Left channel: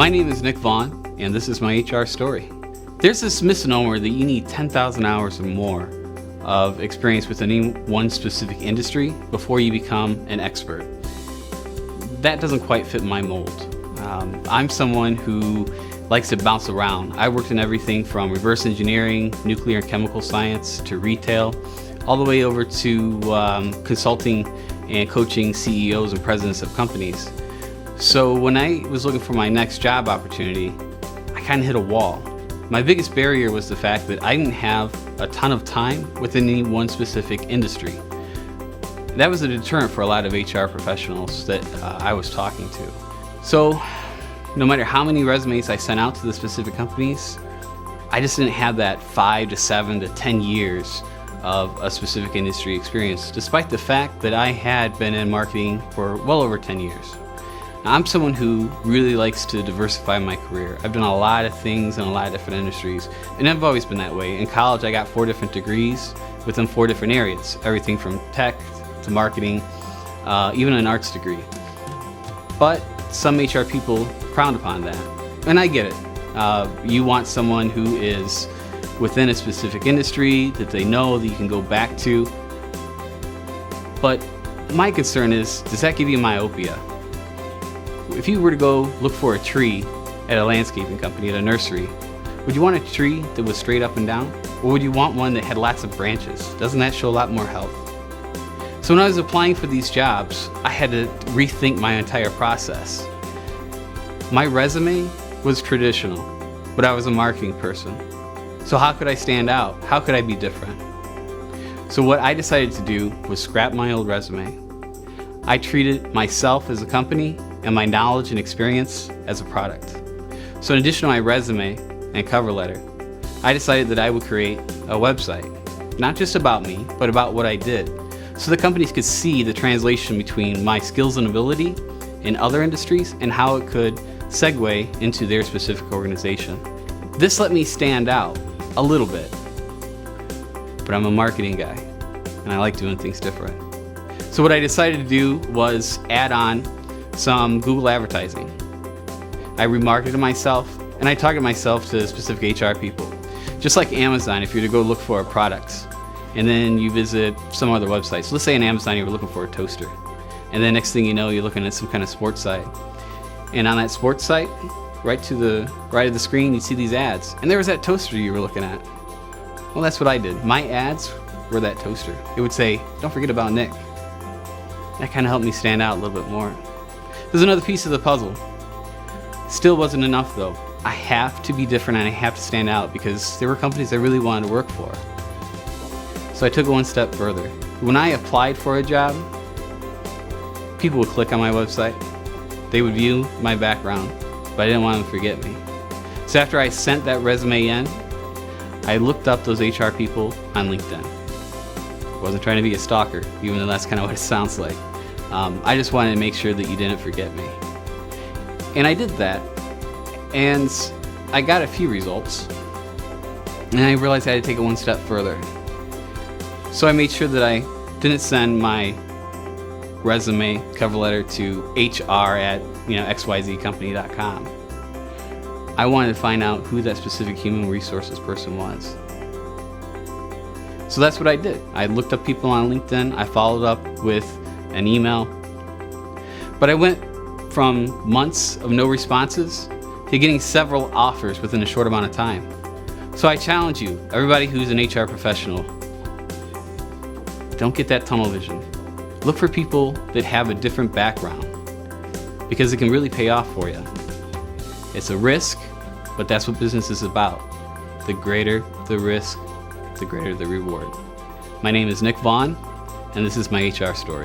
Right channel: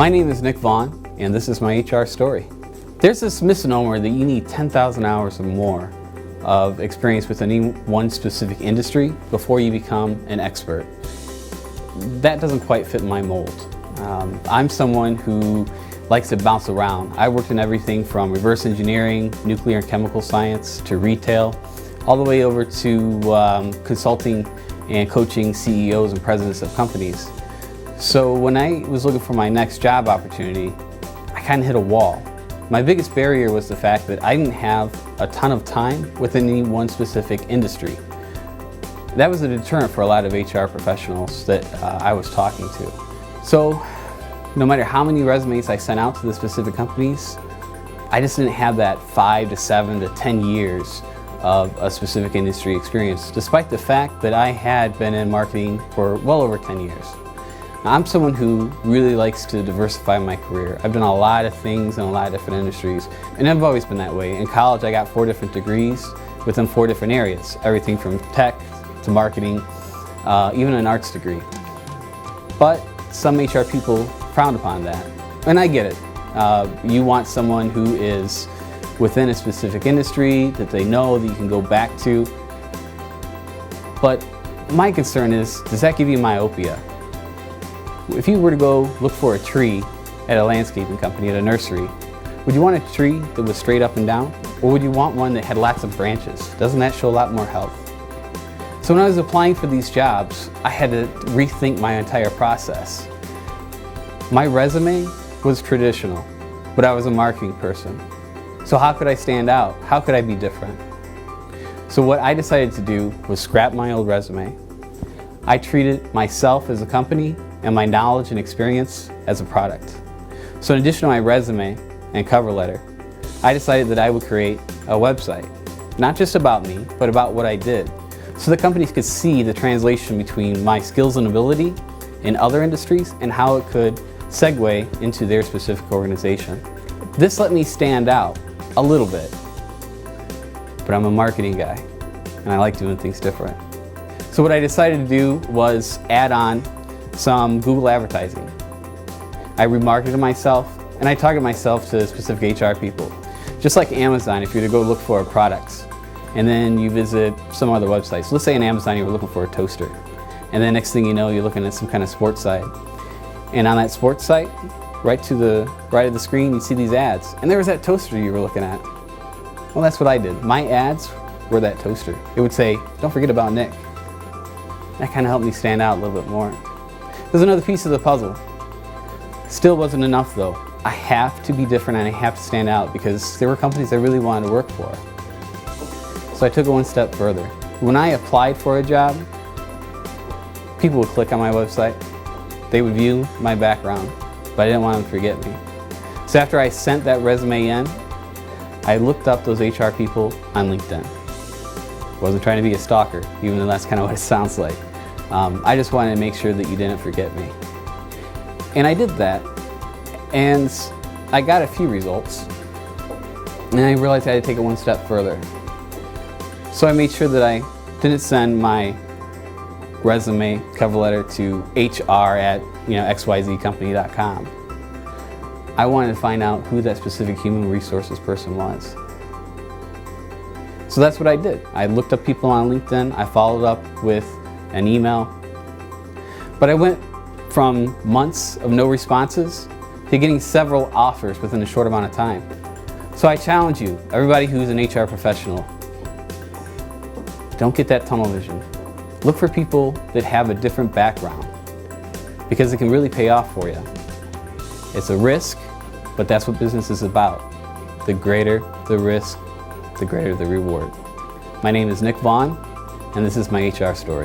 My name is Vaughn, and this is my HR story. There's this misnomer that you need 10,000 hours or more of experience within any one specific industry before you become an expert. That doesn't quite fit my mold. I'm someone who likes to bounce around. I worked in everything from reverse engineering, nuclear and chemical science, to retail, all the way over to consulting and coaching CEOs and presidents of companies. So when I was looking for my next job opportunity, I kind of hit a wall. My biggest barrier was the fact that I didn't have a ton of time within any one specific industry. That was a deterrent for a lot of HR professionals that I was talking to. So no matter how many resumes I sent out to the specific companies, I just didn't have that 5 to 7 to 10 years of a specific industry experience, despite the fact that I had been in marketing for well over 10 years. Now, I'm someone who really likes to diversify my career. I've done a lot of things in a lot of different industries, and I've always been that way. In college, I got 4 different degrees within 4 different areas, everything from tech to marketing, even an arts degree. But some HR people frown upon that, and I get it. You want someone who is within a specific industry that they know that you can go back to. But my concern is, does that give you myopia? If you were to go look for a tree at a landscaping company, at a nursery, would you want a tree that was straight up and down? Or would you want one that had lots of branches? Doesn't that show a lot more health? So when I was applying for these jobs, I had to rethink my entire process. My resume was traditional, but I was a marketing person. So how could I stand out? How could I be different? So what I decided to do was scrap my old resume. I treated myself as a company and my knowledge and experience as a product. So in addition to my resume and cover letter, I decided that I would create a website, not just about me, but about what I did, so the companies could see the translation between my skills and ability in other industries and how it could segue into their specific organization. This let me stand out a little bit, but I'm a marketing guy and I like doing things different. So what I decided to do was add on some Google advertising. I remarketed myself and I targeted myself to specific HR people. Just like Amazon, if you're to go look for products and then you visit some other websites. So let's say in Amazon you were looking for a toaster, and then next thing you know you're looking at some kind of sports site. And on that sports site, right to the right of the screen, you see these ads. And there was that toaster you were looking at. Well, that's what I did. My ads were that toaster. It would say, don't forget about Nick. That kind of helped me stand out a little bit more. There's another piece of the puzzle. Still wasn't enough though. I have to be different and I have to stand out because there were companies I really wanted to work for. So I took it one step further. When I applied for a job, people would click on my website. They would view my background, but I didn't want them to forget me. So after I sent that resume in, I looked up those HR people on LinkedIn. Wasn't trying to be a stalker, even though that's kind of what it sounds like. I just wanted to make sure that you didn't forget me. And I did that, and I got a few results, and I realized I had to take it one step further. So I made sure that I didn't send my resume cover letter to hr@xyzcompany.com. I wanted to find out who that specific human resources person was. So that's what I did. I looked up people on LinkedIn, I followed up with an email, but I went from months of no responses to getting several offers within a short amount of time. So I challenge you, everybody who's an HR professional, don't get that tunnel vision. Look for people that have a different background because it can really pay off for you. It's a risk, but that's what business is about. The greater the risk, the greater the reward. My name is Vaughn, and this is my HR story.